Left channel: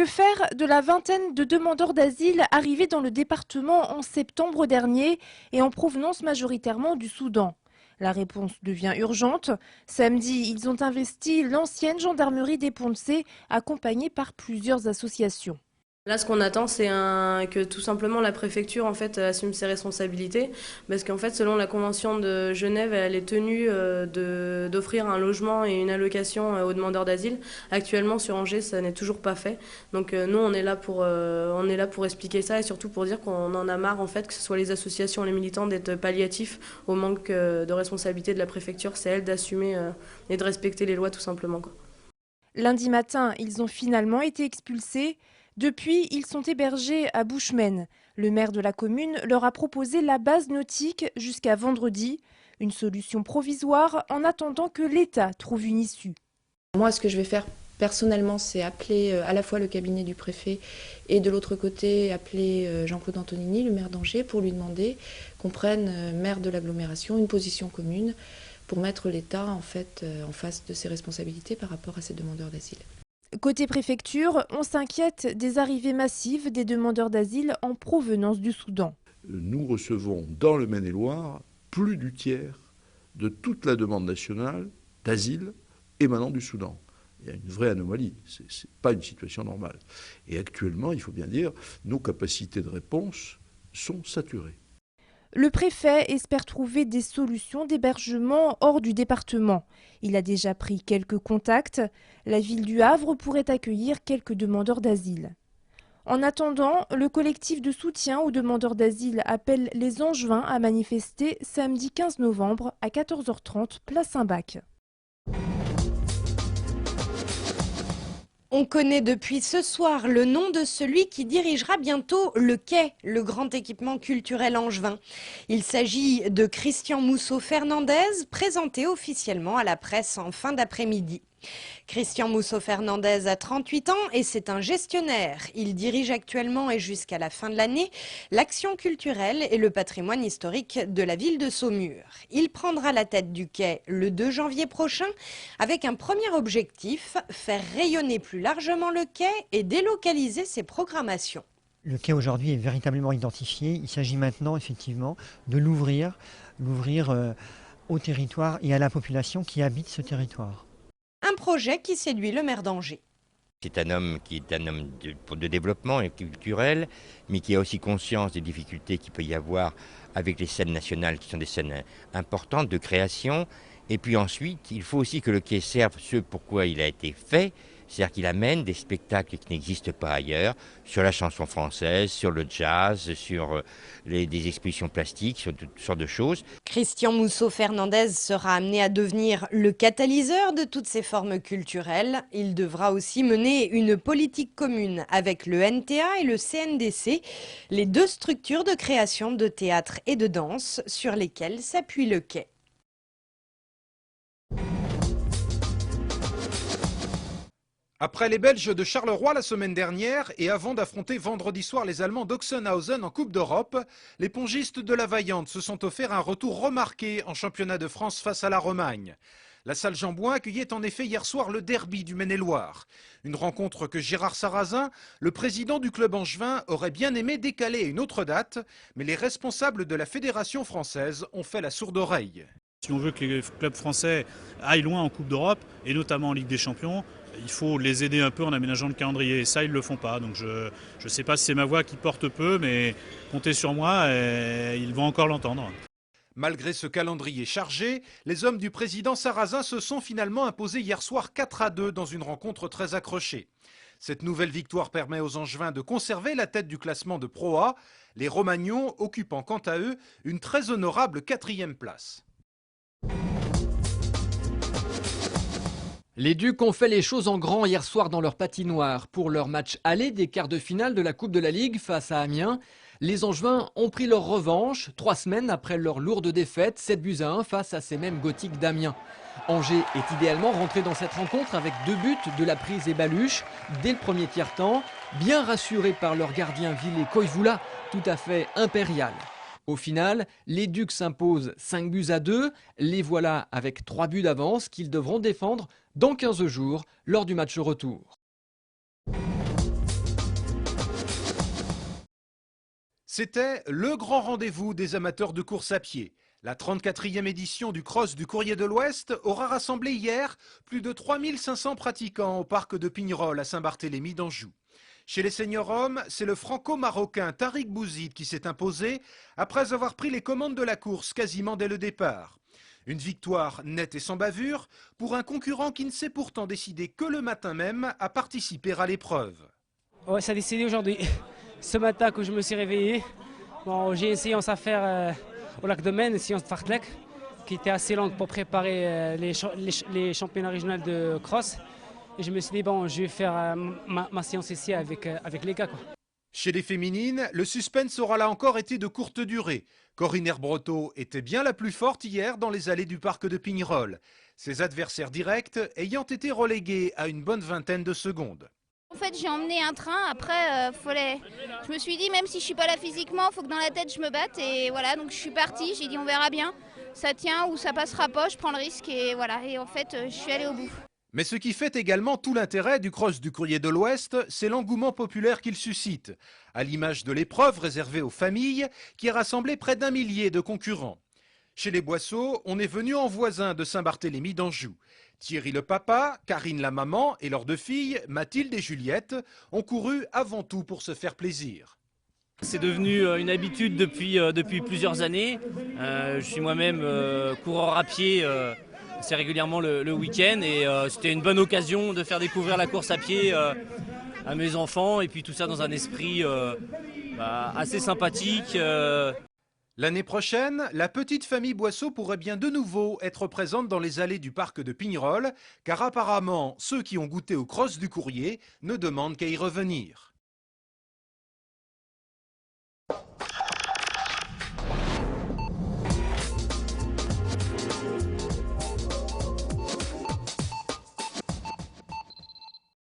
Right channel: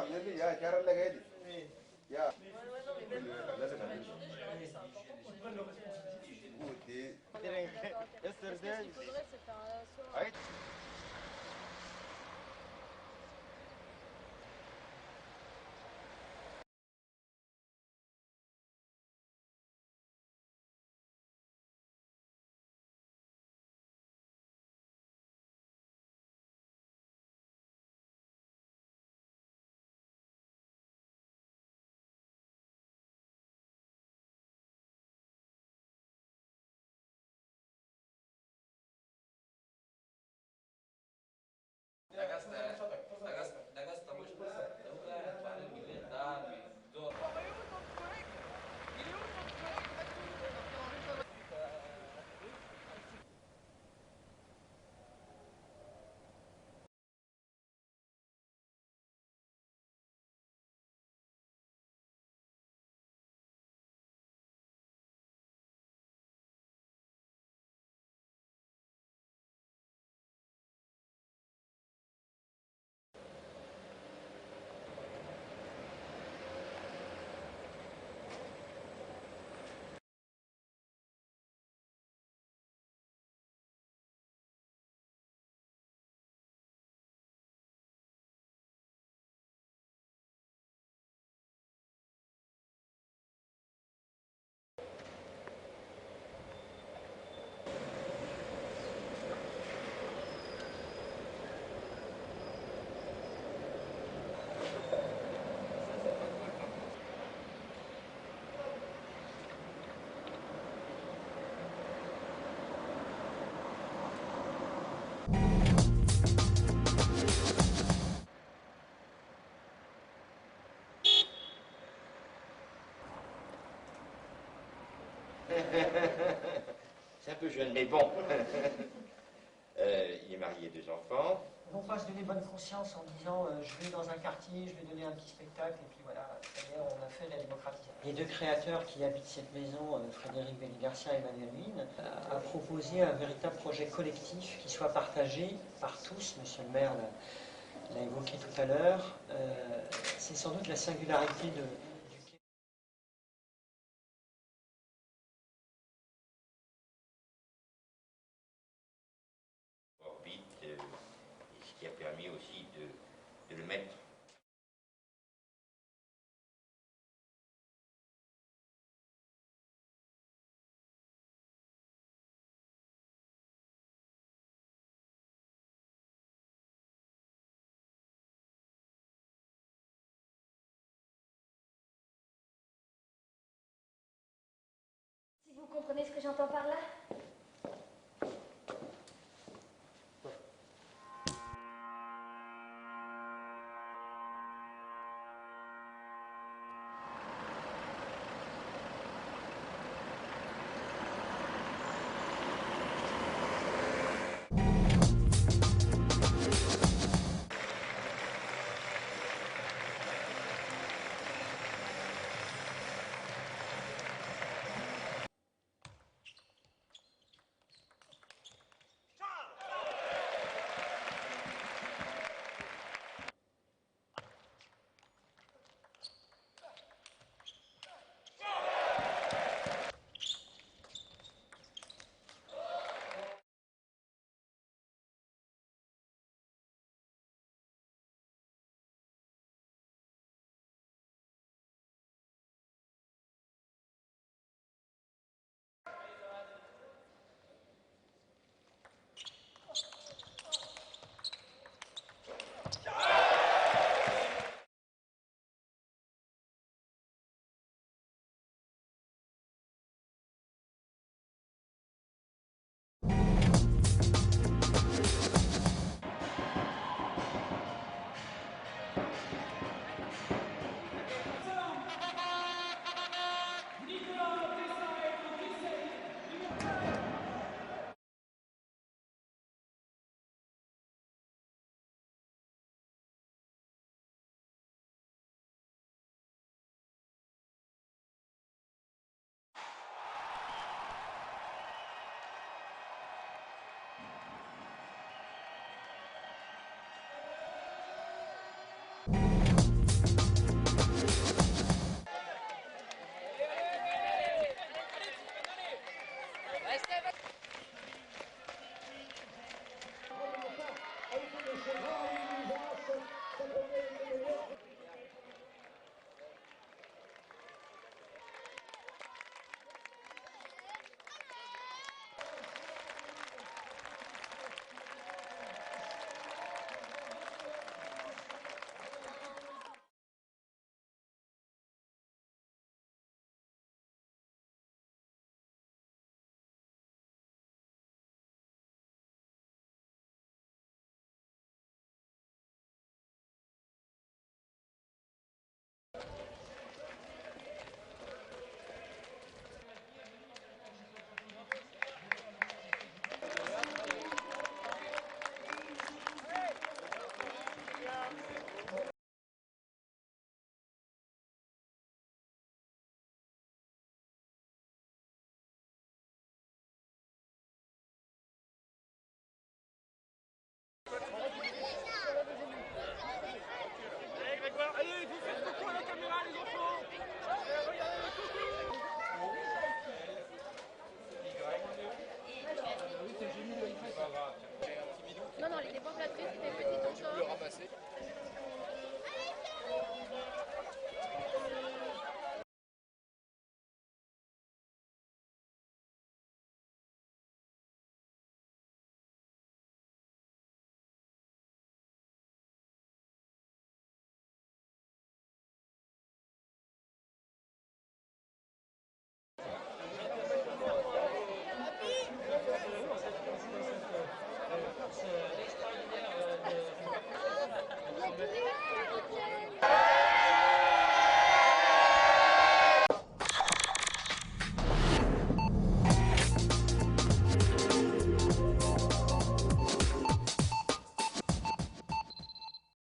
Que faire de la vingtaine de demandeurs d'asile arrivés dans le département en septembre dernier et en provenance majoritairement du Soudan? La réponse devient urgente. Samedi, ils ont investi l'ancienne gendarmerie des Ponts-de-Cé, accompagnée par plusieurs associations. Là, ce qu'on attend, c'est que tout simplement la préfecture en fait assume ses responsabilités, parce qu'en fait, selon la Convention de Genève, elle est tenue d'offrir un logement et une allocation aux demandeurs d'asile. Actuellement, sur Angers, ça n'est toujours pas fait. Donc nous, on est là pour expliquer ça et surtout pour dire qu'on en a marre en fait que ce soit les associations, les militants d'être palliatifs au manque de responsabilité de la préfecture. C'est elle d'assumer et de respecter les lois tout simplement, quoi. Lundi matin, ils ont finalement été expulsés. Depuis, ils sont hébergés à Buchmen. Le maire de la commune leur a proposé la base nautique jusqu'à vendredi, une solution provisoire en attendant que l'État trouve une issue. Moi, ce que je vais faire personnellement, c'est appeler à la fois le cabinet du préfet et de l'autre côté, appeler Jean-Claude Antonini, le maire d'Angers, pour lui demander qu'on prenne, maire de l'agglomération, une position commune pour mettre l'État en fait en face de ses responsabilités par rapport à ces demandeurs d'asile. Côté préfecture, on s'inquiète des arrivées massives des demandeurs d'asile en provenance du Soudan. Nous recevons dans le Maine-et-Loire plus du tiers de toute la demande nationale d'asile émanant du Soudan. Il y a une vraie anomalie, ce n'est pas une situation normale. Et actuellement, il faut bien dire, nos capacités de réponse sont saturées. Le préfet espère trouver des solutions d'hébergement hors du département. Il a déjà pris quelques contacts. La ville du Havre pourrait accueillir quelques demandeurs d'asile. En attendant, le collectif de soutien aux demandeurs d'asile appelle les Angevins à manifester samedi 15 novembre à 14h30, place Saint-Bac. On connaît depuis ce soir le nom de celui qui dirigera bientôt le Quai, le grand équipement culturel angevin. Il s'agit de Christian Mousseau-Fernandez, présenté officiellement à la presse en fin d'après-midi. Christian Mousseau-Fernandez a 38 ans et c'est un gestionnaire. Il dirige actuellement et jusqu'à la fin de l'année l'action culturelle et le patrimoine historique de la ville de Saumur. Il prendra la tête du Quai le 2 janvier prochain avec un premier objectif, faire rayonner plus largement le quai et délocaliser ses programmations. Le quai aujourd'hui est véritablement identifié. Il s'agit maintenant effectivement de l'ouvrir au territoire et à la population qui habite ce territoire. Un projet qui séduit le maire d'Angers. C'est un homme qui est un homme de développement et culturel, mais qui a aussi conscience des difficultés qu'il peut y avoir avec les scènes nationales qui sont des scènes importantes de création. Et puis ensuite, il faut aussi que le quai serve ce pourquoi il a été fait, c'est-à-dire qu'il amène des spectacles qui n'existent pas ailleurs, sur la chanson française, sur le jazz, sur des expositions plastiques, sur toutes sortes de choses. Christian Mousseau-Fernandez sera amené à devenir le catalyseur de toutes ces formes culturelles. Il devra aussi mener une politique commune avec le NTA et le CNDC, les deux structures de création de théâtre et de danse sur lesquelles s'appuie le quai. Après les Belges de Charleroi la semaine dernière et avant d'affronter vendredi soir les Allemands d'Oxenhausen en Coupe d'Europe, les pongistes de la Vaillante se sont offert un retour remarqué en championnat de France face à la Romagne. La salle Jean-Bouin accueillait en effet hier soir le derby du Maine-et-Loire. Une rencontre que Gérard Sarrazin, le président du club angevin, aurait bien aimé décaler à une autre date, mais les responsables de la fédération française ont fait la sourde oreille. Si on veut que les clubs français aillent loin en Coupe d'Europe, et notamment en Ligue des Champions, il faut les aider un peu en aménageant le calendrier. Et ça, ils ne le font pas. Donc je ne sais pas si c'est ma voix qui porte peu, mais comptez sur moi et ils vont encore l'entendre. Malgré ce calendrier chargé, les hommes du président Sarrazin se sont finalement imposés hier soir 4-2 dans une rencontre très accrochée. Cette nouvelle victoire permet aux Angevins de conserver la tête du classement de Pro A, les Romagnons occupant quant à eux une très honorable 4e place. Les Ducs ont fait les choses en grand hier soir dans leur patinoire. Pour leur match aller des quarts de finale de la Coupe de la Ligue face à Amiens, les Angevins ont pris leur revanche 3 semaines après leur lourde défaite 7-1 face à ces mêmes Gothiques d'Amiens. Angers est idéalement rentré dans cette rencontre avec 2 buts de la prise et Baluche dès le premier tiers-temps, bien rassurés par leur gardien Ville Koivula, tout à fait impérial. Au final, les Ducs s'imposent 5-2. Les voilà avec 3 buts d'avance qu'ils devront défendre dans 15 jours lors du match retour. C'était le grand rendez-vous des amateurs de course à pied. La 34e édition du Cross du Courrier de l'Ouest aura rassemblé hier plus de 3500 pratiquants au parc de Pignerol à Saint-Barthélemy d'Anjou. Chez les seniors hommes, c'est le franco-marocain Tariq Bouzid qui s'est imposé après avoir pris les commandes de la course quasiment dès le départ. Une victoire nette et sans bavure pour un concurrent qui ne s'est pourtant décidé que le matin même à participer à l'épreuve. Ouais, ça a décidé aujourd'hui. Ce matin quand je me suis réveillé, bon, j'ai une séance à faire au lac de Maine, une séance de fartlek, qui était assez longue pour préparer les championnats régionaux de cross. Et je me suis dit, bon, je vais faire ma séance ici avec les gars, quoi. Chez les féminines, le suspense aura là encore été de courte durée. Corinne Herbreteau était bien la plus forte hier dans les allées du parc de Pignerol. Ses adversaires directs ayant été relégués à une bonne vingtaine de secondes. En fait, j'ai emmené un train, après, je me suis dit, même si je ne suis pas là physiquement, il faut que dans la tête je me batte. Et voilà, donc je suis partie, j'ai dit on verra bien, ça tient ou ça passera pas, je prends le risque et voilà. Et en fait, je suis allée au bout. Mais ce qui fait également tout l'intérêt du Cross du Courrier de l'Ouest, c'est l'engouement populaire qu'il suscite, à l'image de l'épreuve réservée aux familles qui a rassemblé près d'1 millier de concurrents. Chez les Boisseaux, on est venu en voisin de Saint-Barthélemy d'Anjou. Thierry le papa, Karine la maman et leurs 2 filles, Mathilde et Juliette, ont couru avant tout pour se faire plaisir. C'est devenu une habitude depuis plusieurs années. Je suis moi-même coureur à pied assez régulièrement le week-end et c'était une bonne occasion de faire découvrir la course à pied à mes enfants et puis tout ça dans un esprit assez sympathique. L'année prochaine, la petite famille Boisseau pourrait bien de nouveau être présente dans les allées du parc de Pignerol, car apparemment, ceux qui ont goûté au Cross du Courrier ne demandent qu'à y revenir.